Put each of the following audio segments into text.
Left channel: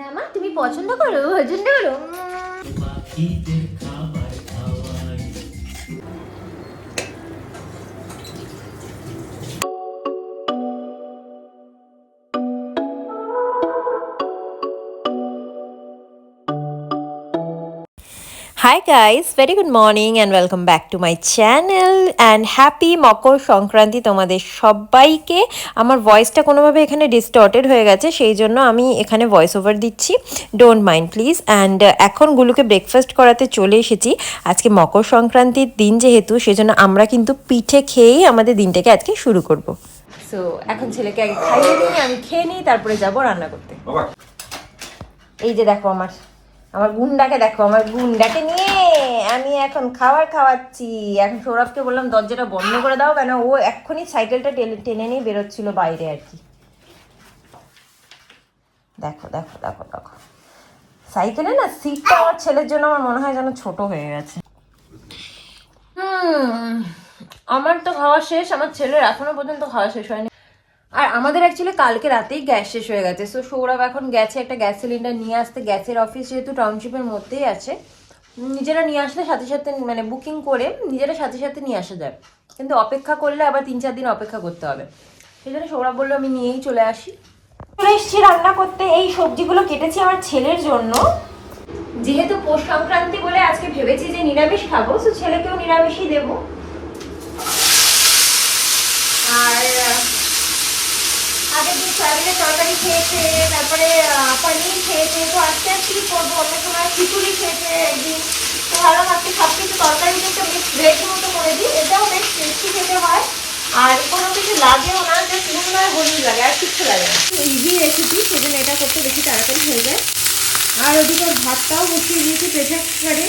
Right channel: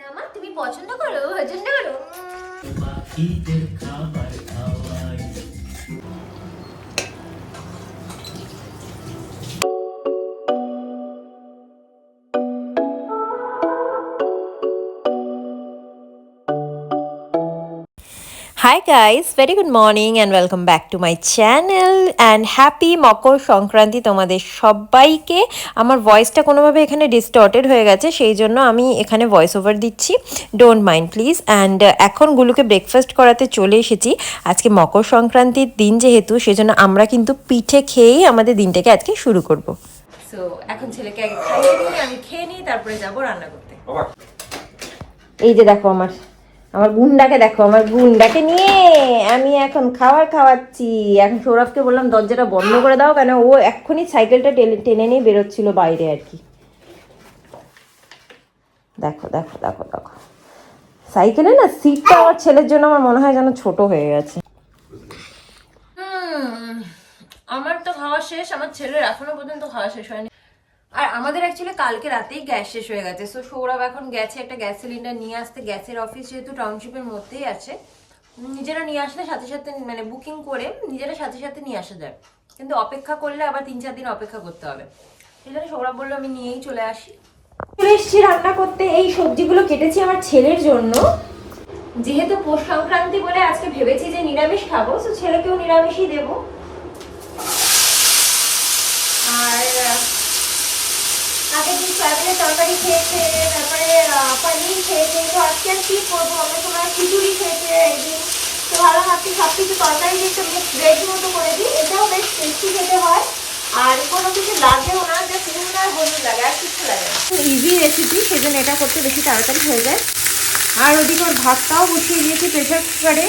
না মা, তুমি পছন্দ করো, পছন্দ করো। Hi guys, very good morning and welcome back to my channel and happy Makar Sankranti তোমাদের সবাইকে। আমার ভয়েসটা কোনোভাবে এখানে ডিস্টর্টেড হয়ে গেছে, সেই জন্য আমি এখানে ভয়েস ওভার দিচ্ছি, ডোন্ট মাইন্ড প্লিজ। অ্যান্ড এখন গুলোকে ব্রেকফাস্ট করাতে চলে এসেছি। আজকে মকর সংক্রান্তির দিন যেহেতু, সেজন্য আমরা কিন্তু পিঠে খেয়েই আমাদের দিনটাকে আজকে শুরু করব। সো এখন ছেলেকে আগে খাইয়ে নিই, আমি খেয়ে নিই, তারপরে যাব রান্না করতে। এই যে দেখো আমার গুন্ডাকে দেখো, আমার গুন্ডাকে নিয়ে আমি এখন খাবার খাওয়াচ্ছি। এখন সৌরভকে বললাম দরজাটা বন্ধ করে দাও, কেন ও এক্ষুনি সাইকেলটা টেনে নিয়ে বেরোচ্ছিল বাইরে আর কি। দেখো দেখো দেখো দেখো, সাইকেলে না সিটটা আমার ছেলের জন্য আমার মনে হয় যেন ছোট হয়ে গেছে। আমার তো খাওয়া শেষ, আমার ছেলের এখনো পর্যন্ত খাওয়া শেষ হয়নি। আর আমাদের অ্যাকচুয়ালি কালকে রাতেই গ্যাস শেষ হয়ে গেছে। সো সৌরভ এখন গেছে একটা গ্যাস সিলিন্ডার নিয়ে আসতে। গ্যাসের অফিস যেহেতু টাউনশিপের মধ্যেই আছে, নিজেরা নিয়ে আসলে সাথে সাথে মানে বুকিং করে নিজেরা সাথে সাথে নিয়ে আসা যায়, কিন্তু অপেক্ষা করলে আবার 3-4 দিন অপেক্ষা করতে হবে। সেই জন্য সৌরভ বললো আমি নিয়েই চলে আসি। চলে এসেছি রান্না করতে। এই সবজিগুলো কেটেছি আমার ছেলের জন্য, যেহেতু পৌষ সংক্রান্তি বলে আজকে ভেবেছি যে নিরামিষ খাবো, তো ছেলেকেও নিরামিষই দেবো। আর আগের দিন সয়াবিনের তরকারি খেয়েছে, তারপরে পনির খেয়েছে, তো আজকে কি করবো, অত সময় খিচুড়ি খেয়েছে একদিন। তো ভালো আজকে সব কিছু তরকারি একটা মিক্স ভেজ মতো করে দিই, এটাও বেশ টেস্টি খেতে হয়। আর কোনো কিছু লাগেও না, যে নুন আর হলুদ লাগে, আর কিছু লাগে না। ইজি রেসিপি, সেজন্য এটা করতে বেশি তাড়াতাড়ি হয়ে যায়। আর ওদিকে ভাতটাও বসিয়ে দিয়েছি প্রেসার কুকারে।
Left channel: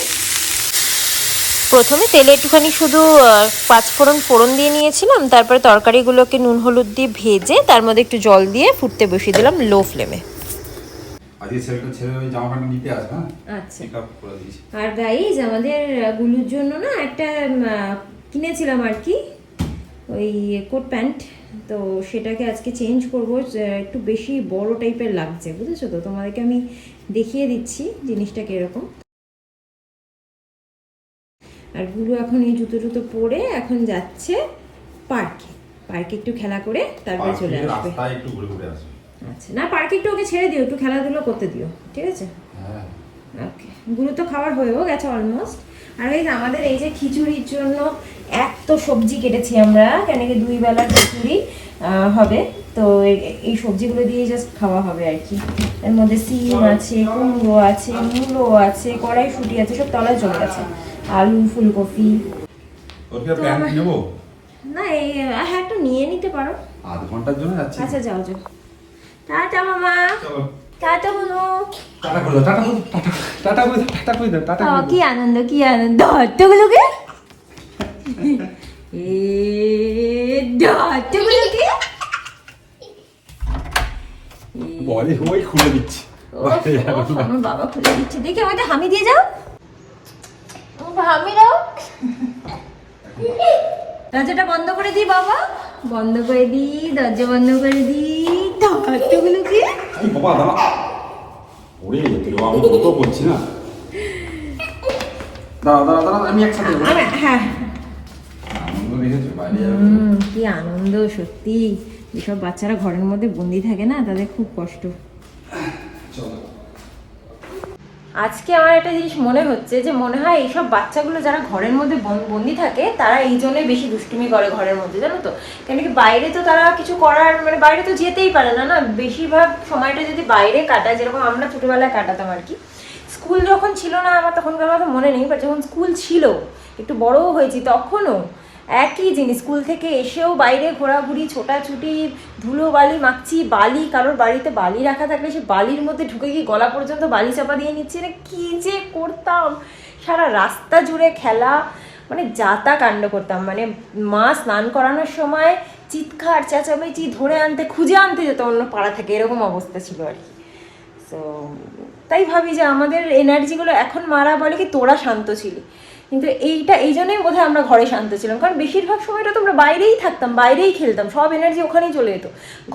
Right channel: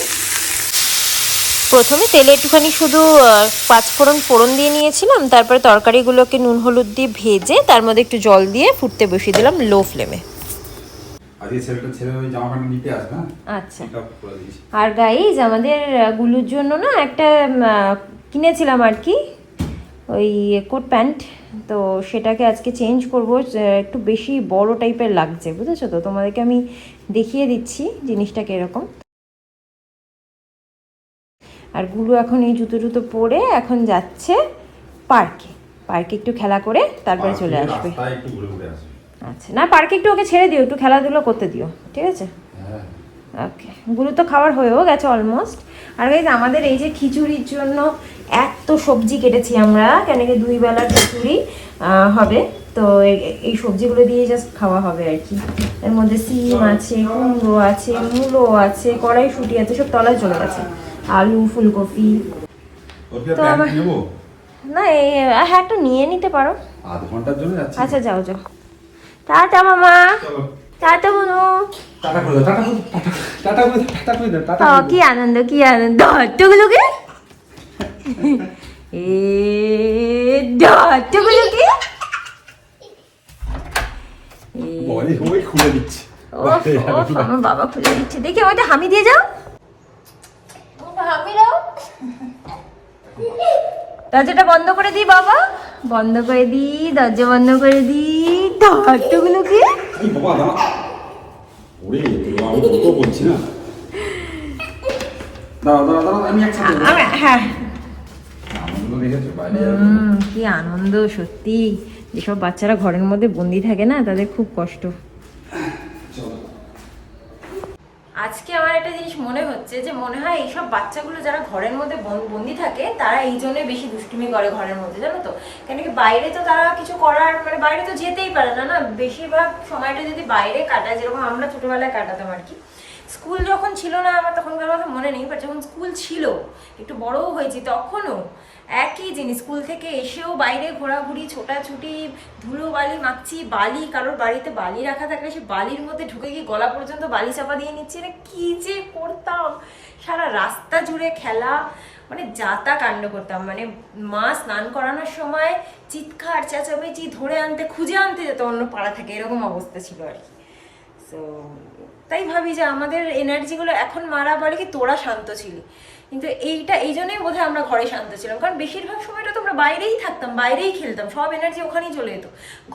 প্রথমে তেলে একটুখানি শুধু 5 ফোড়ন দিয়ে নিয়েছিলাম, তারপরে তরকারিগুলোকে নুন হলুদ দিয়ে ভেজে তার মধ্যে একটু জল দিয়ে ফুটতে বসিয়ে দিলাম লো ফ্লেমে। আচ্ছা, আর গাইজ আমাদের গুলুর জন্য না একটা কিনেছিলাম আর কি, ওই কোট প্যান্ট, তো সেটাকে আজকে চেঞ্জ করব। একটু বেশি বড় টাইপের লাগছে, বুঝেছো তো, তোমাদেরকে আমি দেখিয়ে দিচ্ছি জিনিসটা কিরকম। আর গুলো এখন এই জুতো পরে এখন যাচ্ছে পার্কে একটু খেলা করে তারপরে চলে আসবে। আচ্ছা, না পার্কে একটু ওকে ছেড়ে দিও, একটু খেলাধুলো করতে দিও, ঠিক আছে? ওকে, গুলো তো খাবার হয়েও গেছে অলমোস্ট। আর গাইস আমাদের এই যে খিচুড়ির জন্য এত সবজি কেটেছি আমরা, কেন কি 2 বেলার খিচুড়ি হবে, তো এই সবজিগুলো দিয়ে জাস্ট খাওয়া হবে আর কি। এর মধ্যে সিম আছে, কুমড়ো আছে, মূলো আছে, কড়াইশুঁটি আছে, সব তলায় চলে গেছে, আলু, ফুলকপি। তো না হ্যাঁ, একটু নিয়ে নিতে পারো, আধ ঘন্টার জন্য যাচ্ছি। আচ্ছা যাও যাও, টাটা মামা, টাটা বলো, টাটা বলো, টাটা বলো, টাটা বলো, টাটা বলো, টাটা বলো। কি আনন্দ, কি আনন্দ, হট্টগুলোকে এ হট্টগুলোকে বলি ওই খুলে দিচ্ছি। আমার বাবা খুলে দিচ্ছে, দেখি আমাকে হামি দিয়ে যাও, হামি দাও। দরজাটা বন্ধ করে দিই বাবা, বন্ধ করে দিই, দরজা বন্ধ করে দিই। হট্টগুলোকে হ্যাঁ, কি আনন্দ সত্যি। যেসব বাচ্চারা ঘরের মধ্যে বন্দি থাকে না, তাদের খুব কষ্ট। আজকে আমার একটা জিনিস মনে হচ্ছে, যে মনে হয় এইসব বাচ্চাগুলো যারা ঘরের মধ্যে বন্দি থাকে, তারা এই জন্যই বেশি দুষ্টুমি করে ঘরের মধ্যে, জানো তো। কেন কি বাইরে তো তারা কিছু করার মানে বাইরে তো যেতেই পারে না, না বেশিরভাগ সময়টা যদি বাইরে কাটায়, যেরকম আমরা ছোটবেলায় কাটাতাম আর কি। স্কুল যখন ছিল না আমার তখনকার কথা মনে নেই, বাট যখন স্কুল ছিল, একটু বড়ও হয়েছি, তখনও একই জিনিস। স্কুল থেকে এসেও বাইরে ঘোরাঘুরি, ছোটাছুটি, ধুলো বালি মাখছি, বালি কারোর বাড়িতে বালি রাখা থাকলে সে বালির মধ্যে ঢুকে গিয়ে গলা পর্যন্ত বালি চাপা দিয়ে নিচ্ছে, না কি যে করতাম। সারা রাস্তা জুড়ে খেলা, মানে যাতা কাণ্ড করতাম। মানে মা স্নান করানোর সময় চিৎকার চেঁচামেচি, ধরে আনতে খুঁজে আনতে যেত অন্য পাড়া থেকে, এরকম অবস্থা ছিল আর কি। তো তাই ভাবি যে আমাদের এনার্জিগুলো এখন মারা বলে কি তোরা শান্ত ছিলি, কিন্তু এই জন্যই বোধহয় আমরা ঘরে শান্ত ছিলাম, কারণ বেশিরভাগ সময়টা তো আমরা বাইরেই থাকতাম, বাইরেই খেলতাম, সব এনার্জি ওখানেই চলে যেত।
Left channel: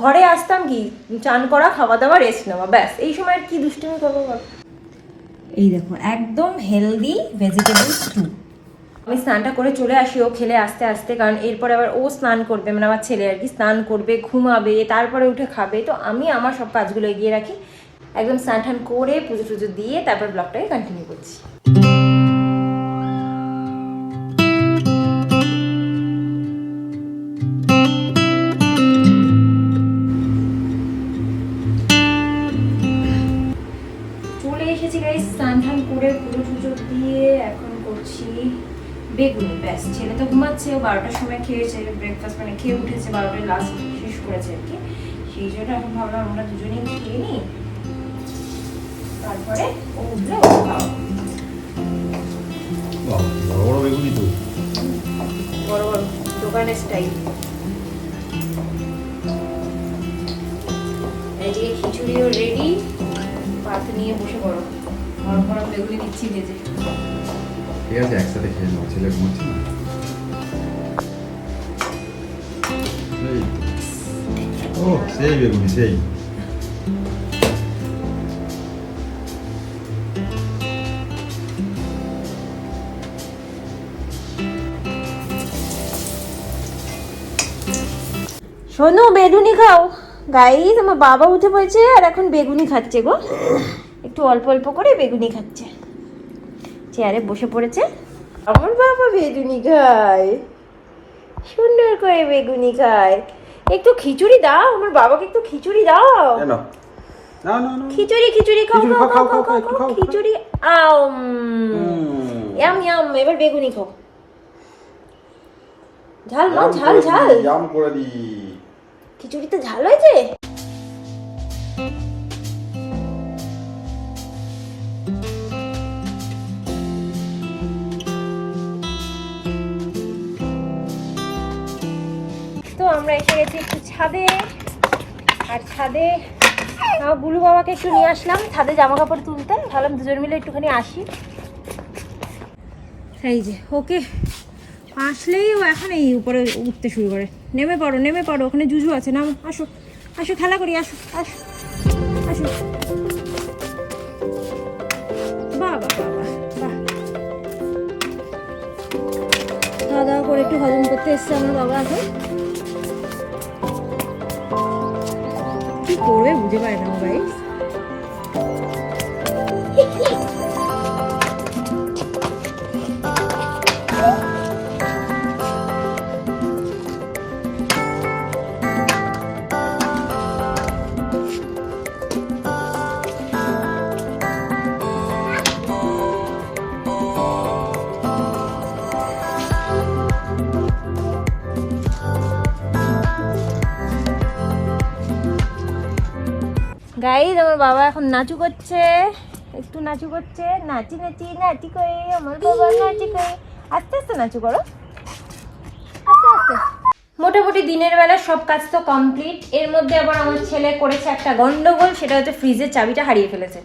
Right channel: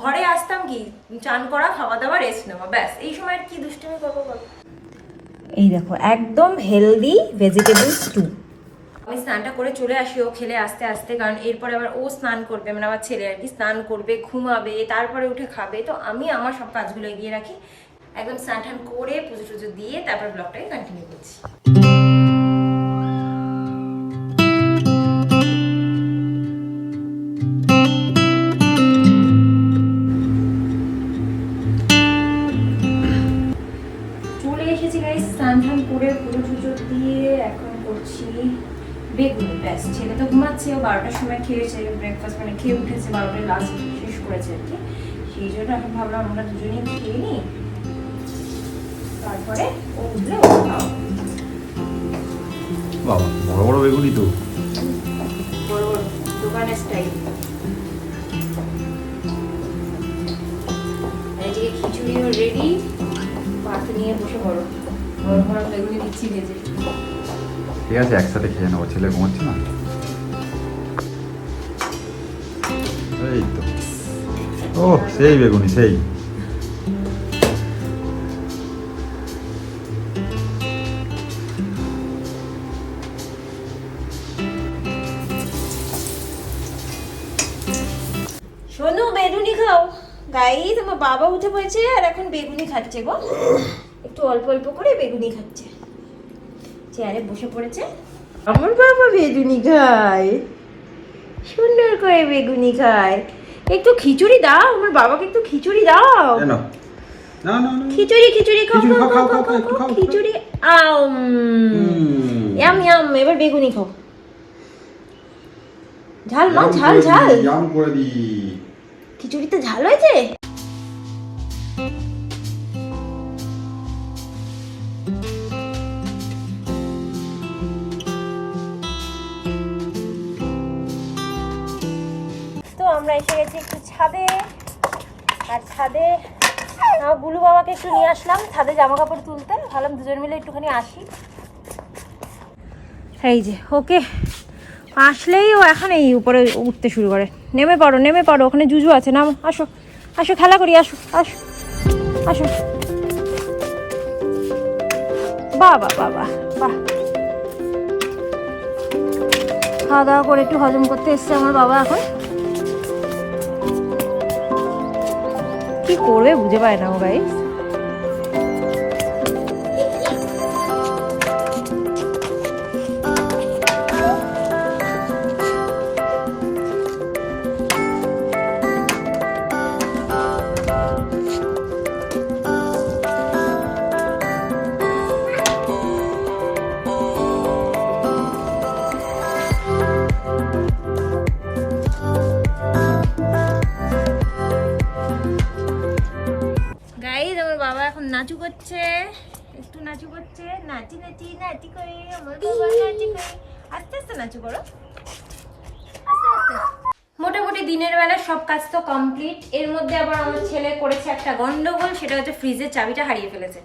ঘরে আসতাম কি চান করা, খাওয়া দাওয়া, রেস্ট নেওয়া, ব্যাস। এই সময় আর কি দুষ্টুমি করবো বল। এই দেখো একদম হেলদি ভেজিটেবল স্টু। আমি স্নানটা করে চলে আসি ও খেলে আস্তে আস্তে, কারণ এরপরে আবার ও স্নান করবে, মানে আমার ছেলে আর কি স্নান করবে, ঘুমাবে, তারপরে উঠে খাবে। তো আমি আমার সব কাজগুলো এগিয়ে রাখি, একদম স্নান টান করে পুজো টুজো দিয়ে তারপর ব্লগটাকে কন্টিনিউ করছি। চলে এসেছি গাইস স্নান টান করে পুজো টুজো দিয়ে, এখন করছি বেগুনি। ব্যাস, ছেলে তো ঘুমাচ্ছে, ও 12টার সময় খেয়েছে ব্রেকফাস্ট, মানে খেয়ে উঠেছে 12টায়, লাস্ট শেষ করেছে আর কি। সেই জন্য এখন ভাবলাম আমরা দুজনেই খেয়ে নিই, তারপরে ও উঠলে ও খাওয়া। বড় বড় বেগুনি তো, বড় বড় দোকানের স্টাইল। এদিকে খিচুড়িও রেডি, পাতে নিয়ে বসে পড়ো, গরম গরম বেগুনি দিচ্ছি ভেজে। ঠিক আছে একসাথে খেয়ে নেবো, ছেলে ঘুমাচ্ছে না। এই তো, ও সেই বেগুনি সেই। শোনো বেগুনি খাও গাই, তোমার বাবা উঠে পড়েছে আর এখন বেগুনি খাচ্ছে গো, একটু অল্প অল্প করে বেগুনি খাচ্ছে, চেয়ারে বসে পড়েছে। আমার বাবা বেগুনি খায়, সুন্দর করে বেগুনি খায়। একটু খিচুড়ি দাও, আমার বাবাকে একটু খিচুড়ি দাও। না না না, খিচুড়ি খিচুড়ি খাও খিচুড়ি খাও খাও, খাও খাও, একটু খাও খাও। খিচুড়ি আও, ইয়াম ইয়াম। এবার বেগুনি খাও, ঝাল মা, ঝাল ঝাল, জাম করে দি। খিচুড়িতে ঝাল হয়েছে। তো আমরা এসে গেছি একটু ছাদে, আর ছাদে আমার গুলু বাবাকে একটু নিয়ে আসলাম ছাদে জামা কাপড় তুলতে, ভাবলাম দুজন মিলে একটুখানি আসি। এই যে ওকে আসলেই ও এখন এই উপরে উঠতে শুরু করে। নেমে পড়ো নেমে পড়ো, ওখানে জুজু আছে, নাম আসো আসো খেলা করি, আসো আসো আসো। বাহ বাহ বাহ বাহ বাহ। খাওয়া দাওয়া করে একটু হজম করতে এসছে আমার বাবা, এখন কি করবে বুঝে পায় না ও গাই। গাইস আমার বাবা এখন নাচু করছে, একটু নাচু করছে, নাচি নাচি নাচি করে আমার বাবা নাচি করে। আস্তে আস্তে নাচু করো, আস্তে আস্তে। মোটামুটি দিনের বেলা সব কাজ তো কমপ্লিট। এর মধ্যে আবার আমার ছেলে করেছে একটা গন্ডগোল, সেটা হচ্ছে ফ্রিজের চাবিটা হারিয়ে ফেলেছে।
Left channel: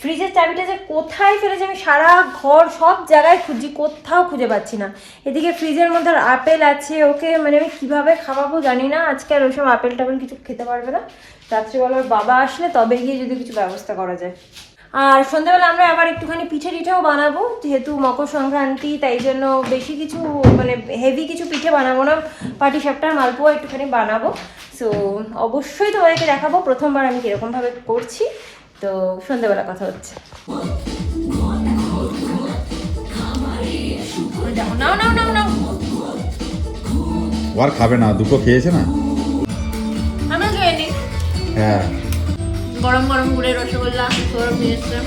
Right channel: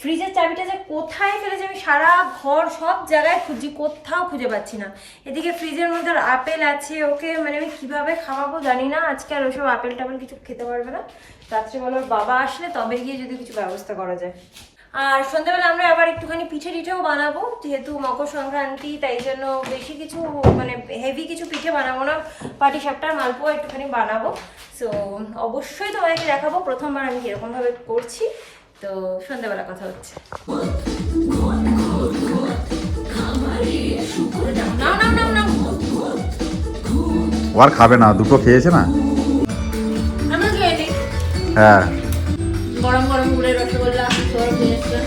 ফ্রিজের চাবিটা যে কোথায় ফেলেছে আমি সারা ঘর সব জায়গায় খুঁজছি, কোথাও খুঁজে পাচ্ছি না। এদিকে ফ্রিজের মধ্যে আপেল আছে, ওকে মানে আমি কিভাবে খাওয়াবো জানি না। আজকে আর ওইসব আপেল টাপেল কিছু খেতে পারবে না, রাত্রিবেলা ওর বাবা আসলে তবে গিয়ে যদি কিছু ব্যবস্থা করা যায়। আর সন্ধ্যাবেলা আমরা আবার একটুখানি পিঠে টিঠেও বানাবো, যেহেতু মকর সংক্রান্তি, তাই জন্য বেশি কিছু মানে হেভি কিছু পিঠে বানাবো না, পাটিসাপটা মালপোয়া একটুখানি বানাবো। সো অবশ্যই তোমাদেরকে দেখাবো প্রথমবার আমি কিরকমভাবে করছি। তো সন্ধ্যাবেলা কথা হচ্ছে। নাও নাও নাও নাও, আর খাবে না, দুটো খেয়েছে না। আমি খেয়ে নিই। হ্যাঁ গরম গরম গুড়ের রসগোল্লা গরম নিয়ে এসছে।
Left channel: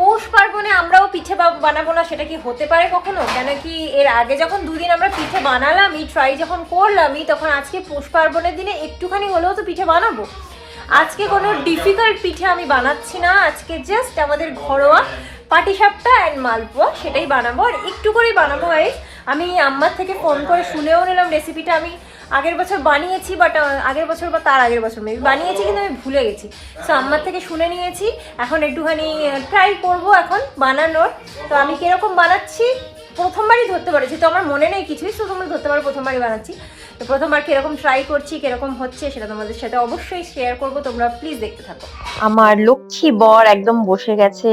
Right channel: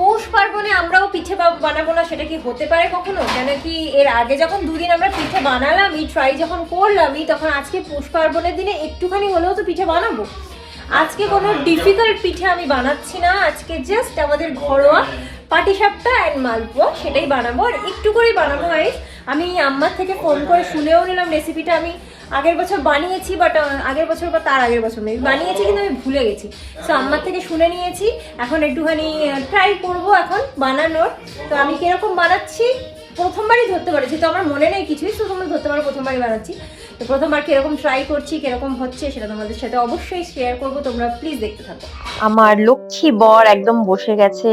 পৌষ পার্বণে আমরাও পিঠে বানাবো না, সেটা কি হতে পারে কখনো? কেন কি এর আগে যখন দুদিন আমরা পিঠে বানালামই, ট্রাই যখন করলামই, তখন আজকে পৌষ পার্বণের দিনে একটুখানি হলেও তো পিঠে বানাবো। আজকে কোনো ডিফিকাল্ট পিঠে আমি বানাচ্ছি না, আজকে জাস্ট আমাদের ঘরোয়া পাটিসাপটা অ্যান্ড মালপোয়া সেটাই বানাবো, আর একটু করেই বানাবো গাইস। আমি আম্মার থেকে ফোন করে শুনেও নিলাম রেসিপিটা। আমি আগের বছর বানিয়েছি, বাট আগের বছর বা তার আগের বছর মেবি বানিয়েছি, কিন্তু আমি ভুলে গেছি। সো আম্মার থেকে শুনে নিয়েছি, এখন একটুখানি ট্রাই করব এখন বানানোর। তো আমি কিরকম বানাচ্ছি প্রথমবারই ধরতে পারো, যেহেতু আমার মনে নেই কিছুই, তো তোমরা ধরতে পারো প্রথমবারই বানাচ্ছি। তো প্রথমবার কিরকম ট্রাই করছি, কিরকম হচ্ছে সেটা তোমাদের সাথে অবশ্যই শেয়ার করবো, তোমরা প্লিজ দেখতে থাকো। আমার লক্ষ্মী বর একদম বসে গেছে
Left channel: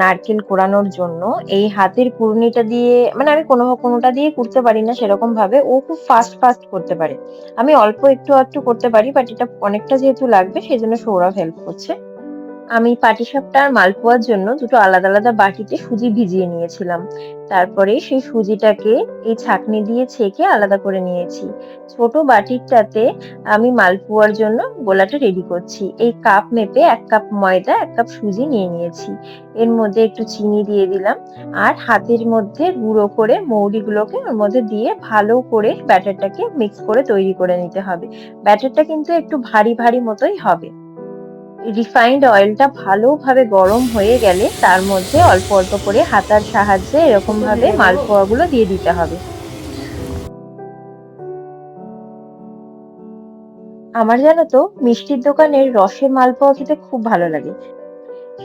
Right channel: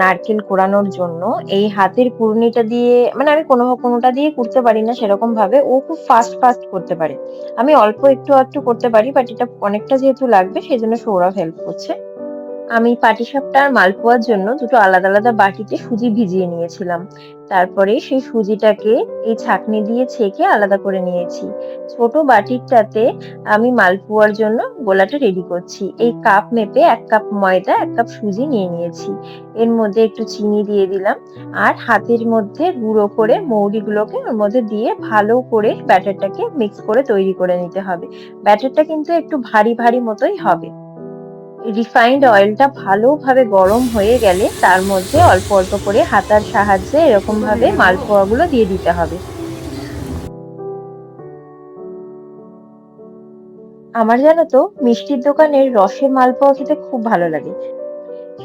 নারকেল কোড়ানোর জন্য। এই হাতের কুড়ুনিটা দিয়ে, মানে আমি কোনোটা দিয়ে কুড়তে পারি না সেরকম ভাবে, ও খুব ফাস্ট করতে পারে। আমি অল্প একটু করতে পারি, বাট এটা অনেকটা যেহেতু লাগবে সেই জন্য সৌরভ হেল্প করছে। আমি পাটিসাপটা আর মালপোয়ার জন্য দুটো আলাদা বাটিতে সুজি ভিজিয়ে নিয়েছিলাম। তারপরে সেই সুজিটাকে এই ছাঁকনি দিয়ে ছেঁকে আলাদা করে নিয়েছি। ছোট বাটিটাতে আমি মালপোয়ার জন্য গোলাটা রেডি করছি। এই কাপ মেপে 1 কাপ ময়দা 1 কাপ সুজি নিয়ে নিয়েছি। এর মধ্যে একটু চিনি দিয়ে দিলাম, আর হাতের মধ্যে গুঁড়ো করে মৌরিগুলোকে ওর মধ্যে দিয়ে ভালো করে ব্যাটারটাকে মিক্স করে তৈরি করে নিতে হবে। ব্যাটারটা কিন্তু একটু ভারী মতোই হবে। রিফাইন্ড অয়েলটা ভালোভাবে গরম হয়ে গেলে তার মধ্যে অল্প করে হাতার সাহায্যে এরকম ভাবে মালপোয়াগুলো দিয়ে দিতে হবে। আমার জানো তো মিষ্টির দোকানের রসের মালপোয়া খেতে খুব ভালো লাগে।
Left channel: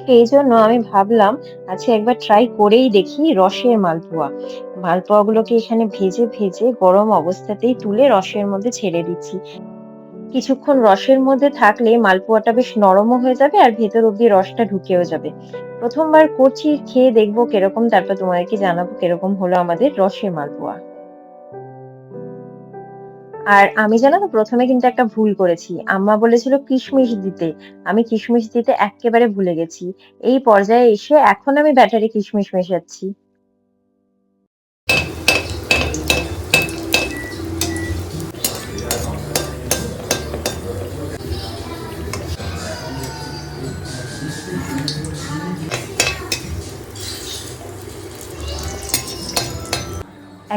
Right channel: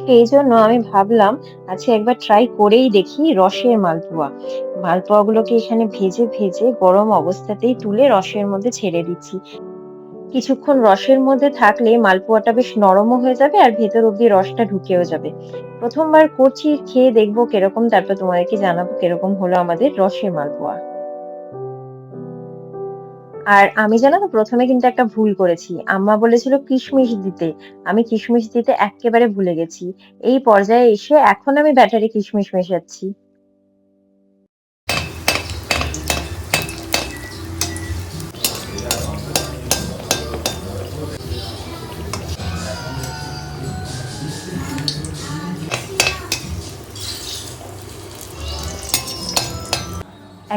সেই জন্য আমি ভাবলাম আজকে একবার ট্রাই করেই দেখি রসের মালপোয়া। মালপোয়াগুলোকে এখানে ভেজে গরম অবস্থাতেই তুলে রসের মধ্যে ছেড়ে দিচ্ছি। কিছুক্ষণ রসের মধ্যে থাকলে মালপোয়াটা বেশ নরমও হয়ে যাবে আর ভেতর অব্দি রসটা ঢুকেও যাবে। প্রথমবার করছি, খেয়ে দেখবো কিরকম, তারপর তোমাদেরকে জানাবো কিরকম হলো আমাদের রসের মালপোয়া। আর আমি জানো তো প্রথমে কিন্তু একটা ভুল করেছি। আম্মা বলেছিল কিশমিশ দিতে, আমি কিশমিশ দিতে একেবারে ভুলে গেছি। এই পর্যায়ে এসে এখন আমি ব্যাটারে কিশমিশ মেশাচ্ছি।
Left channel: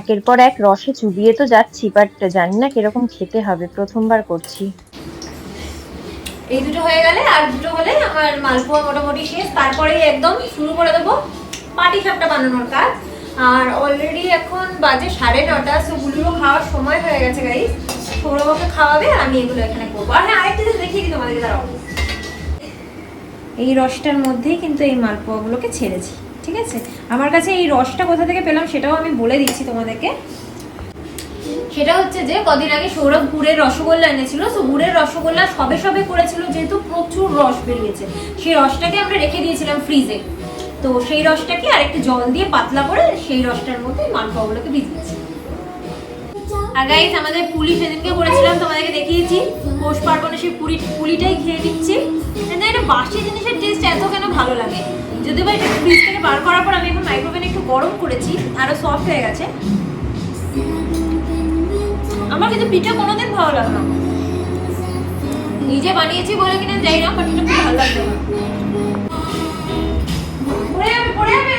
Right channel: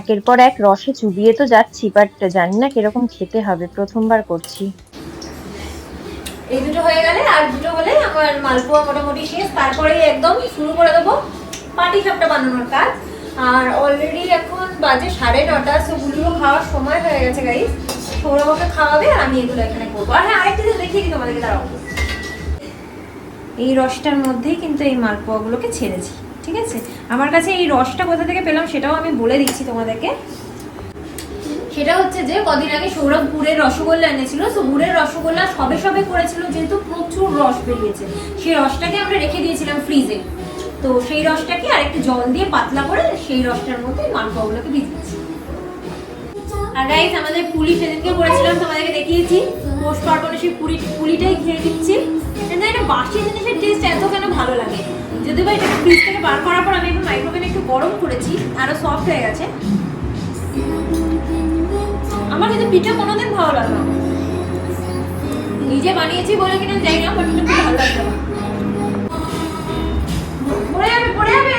একের পর এক রসে চুবিয়ে তো যাচ্ছি, বাট জানি না কিরকম খেতে হবে, প্রথমবার করছি। এই দুটো হয়ে গেলে আর দুটো হলে আমার মালপোয়া মোটামুটি শেষ। তারপরে একদম শুরু করে দেবো পাটিসাপটা বানানোর কাজ। আর অলরেডি এখন বাজে 9:30, সো গুলো খাওয়ার সময় হয়ে গেছে গাইস। সৌরভকে খাওয়াবে আর আমি এগুলো এখানে করবো। আর হ্যাঁ, আরেকটা জিনিস দেখিয়ে দিই তোমাদেরকে, দাঁড়াও। এই রসটার মধ্যেই কিন্তু এই মালপোয়াগুলোকে ছেড়েছি, ঠিক আছে? আমার কাছে এই রসটা কোথা থেকে পেলাম সেটাও আমি বলে দিচ্ছি তোমাদেরকে। সেটা হচ্ছে যে কদিন আগে সৌরভ গুড়ের রসগোল্লা এনেছিল, তো গুড়ের রসগোল্লা সবে করেছিল, যেহেতু প্রচুর রস বেরিয়েছে, সেই রসটাকে আমরা রেখে দিয়েছিলাম ফ্রিজে। তো সেই রসটাকে আরেকটু জল দিয়ে পাতলা করে সেই রসটার মধ্যে মালপোয়াগুলোকে ভিজিয়েছি। আর গাইস, আমাদের পুলি সেদিনকে করেছিলাম, তোমাদেরকে দেখিয়েছি। পৌষ পার্বণে সেই পুলিটাই খেয়ে দিচ্ছি। এটা বাসি জিনিসের টেস্ট এত কেন ভালো লাগে, যদিও বা এটা ফ্রিজ থেকে বার করার পর আমি এখন মাইক্রোওভেনে একটু গরম করেছি, আরো সফট হয়ে গেছে। আমার কিন্তু পিঠা কোনোদিন ভালো লাগে না, নিজে বানিয়েছি বলে কিনা যাই না, বাট এটা খুব ভালো লাগছে না। পড়ে যাবে।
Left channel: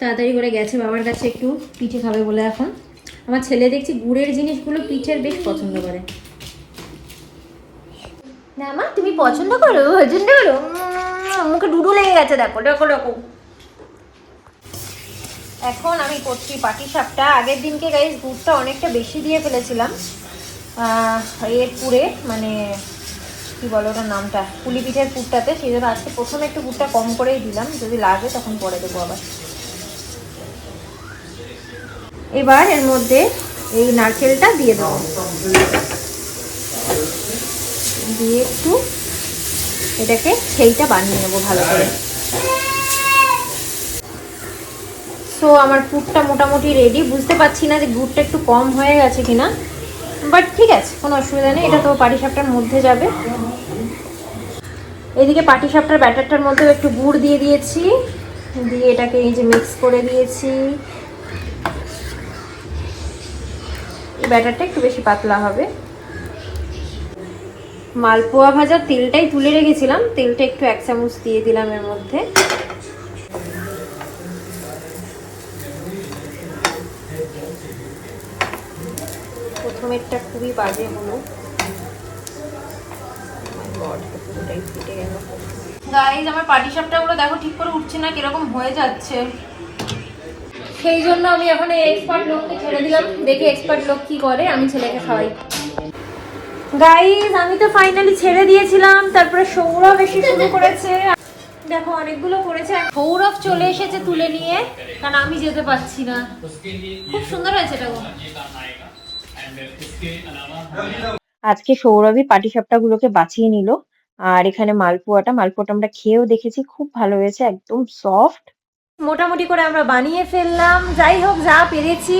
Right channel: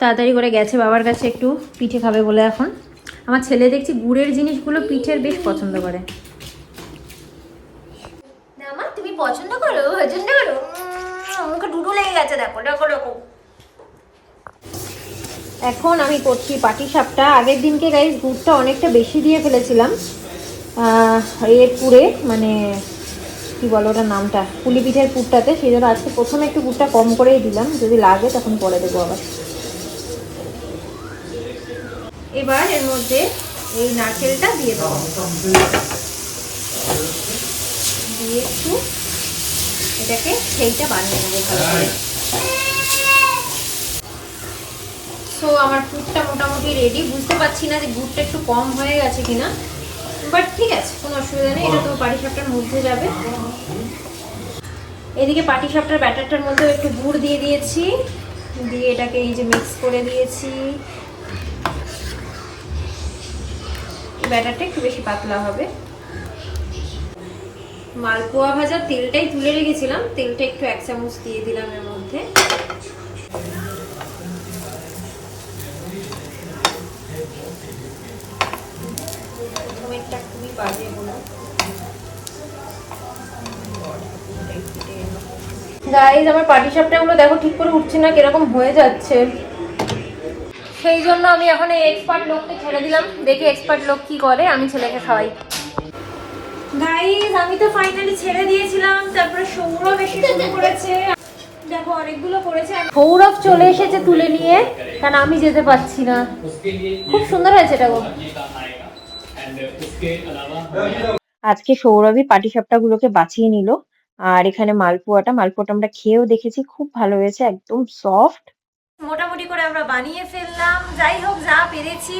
তাড়াতাড়ি করে গেছে বাবার কাছে, একটু পিঠে খাবে বলে। এখন আমার ছেলে দেখছি গুড়ের জিনিসগুলো পিঠের বেশ পছন্দ করে। না মা, তুমি পছন্দ করো, পছন্দ করো। মুখে ডুডু লেগে গেছে, দেখো। এখন আমি করছি পাটিসাপটা। আগের দিনকে গাইস গুড়টা অনেকটা বেশি দিয়ে ফেলেছিলাম পুরে, মানে কি বলো ওটার নামটা, পুলি পিঠের পুরটাতে। সেই জন্য আজকে প্রথমে একটু গুড়টা কম করেই দিলাম, যদি লাগে তখন পরে দেবো আবার। এবার এর মধ্যে এই নারকেলটা দিয়ে দেবো, দিয়ে একটু এটাকে সেইটা বানিয়ে নেবো ভালো করে। সো আমার পুরটা মোটামুটি রেডি। বুঝতে পারছি না যে গুড়টা একটু কম হয়ে গেছে কিনা, বাট ঠিক আছে, কোনো অসুবিধা নেই, এটা তো পাটিসাপটার মধ্যে যাবে। এদিকে পাটিসাপটার ব্যাটারটার মধ্যেও একটু গুড় দিয়ে দিয়েছি, দিয়ে এটাকে এই যে মিক্স করে দিয়েছি। ব্যাটারটা একটু বেশি পাতলা হবে। মালপোয়া ভাজার তেলটাই তুলে রেখেছিলাম, তেলটা একটু 1 চামচ দিয়ে দিলাম এর মধ্যে। প্রথমেরটা খুবই বাজে হলো, গাইস আমার পাটিসাপটাগুলো দেখো ঠিক করে উঠছে না, কিরকম হয়ে যাচ্ছে। সেই জন্য আমি এখন এই এক্সপার্ট লোককে ছেড়ে দিলাম, দেখি এক্সপার্ট লোক কি করে, আমি ছেলেকে খাওয়াই। গাইস আমি তো ফাইনালি ছেড়ে দিয়েছিলাম, তারপরে সৌরভ এসে শুরু করেছে। দেখো অনেকগুলো করেছে, সৌরভ চলে এসেছে তুলে নিয়ে, কারণ আমি যেতে পারছি না। খুব সুন্দর হয়েছে এটা গো। আজকে সৌরভী পাটিসাপটা গুলোকে বাছিয়ে নিল। আর এখানে মালপোয়াটা আমরা খেয়েও দেখেছি, খুব ভালো হয়েছে, একদম সফট। মোটামুটি করে আমরা বানিয়ে ফেললাম, যাই হোক যা পেরেছি।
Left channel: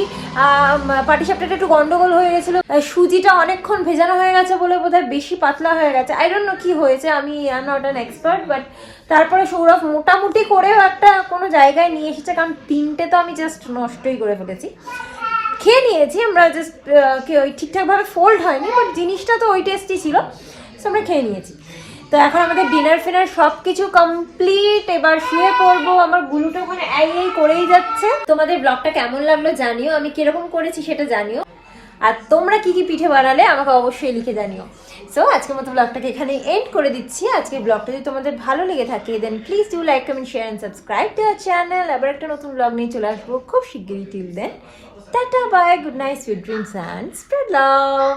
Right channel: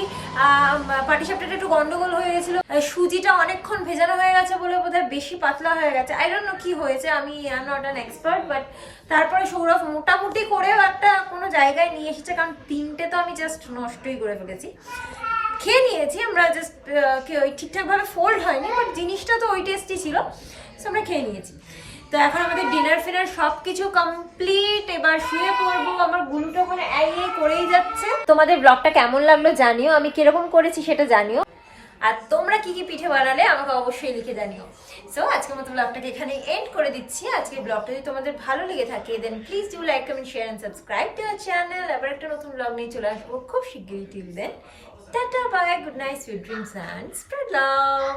পাটিসাপটাটা একটু গন্ডগোল হয়ে গেছিল, সুজিটা অনেকক্ষণ ভেজানো হয়ে গেছে বলে বোধহয় বেশি পাতলা হয়ে গেছে। আই ডোন্ট নো কি হয়েছে, আমি I am not an expert, but তারপরে সৌরভ মোটামুটি করেও একটা কোনো জায়গায় নিয়ে এসেছে, কারণ 3টে তো আমি জাস্ট নষ্টই করে ফেলেছি। খেয়ে নিয়েছি আমরা, জাস্ট ওই ঠিকঠাকভাবে ফোল্ড হয়নি, বাট জিনিসটা তো ওই টেস্টই ছিল, সো আমরা খেয়ে নিয়েছি। তো এখন আমাদের ডিনার ফিনার সবকিছু কমপ্লিট, এবার শুয়ে পড়বো। আমার গুলুটা ওখানে এই করেই যাচ্ছে। তোমাদের ব্লগটা কেমন লাগলো জানিও, আমি কিরকম করেছি সেটা জানিও, আর তোমরা কি কি পিঠে বানালে আমাকে অবশ্যই লিখে জানিও। সো আজকের মতো ব্লগটাকে এখানে এন্ড করে দিচ্ছি। আজকের ব্লগটা যদি তোমাদের ভালো লেগে থাকে, then please do like, comment, share and subscribe to our channel. আবার একটা নতুন ব্লগ নিয়ে চলে আসবো খুব শিগগিরই। Till then, tata, bye, good night, sweet dreams and spread love.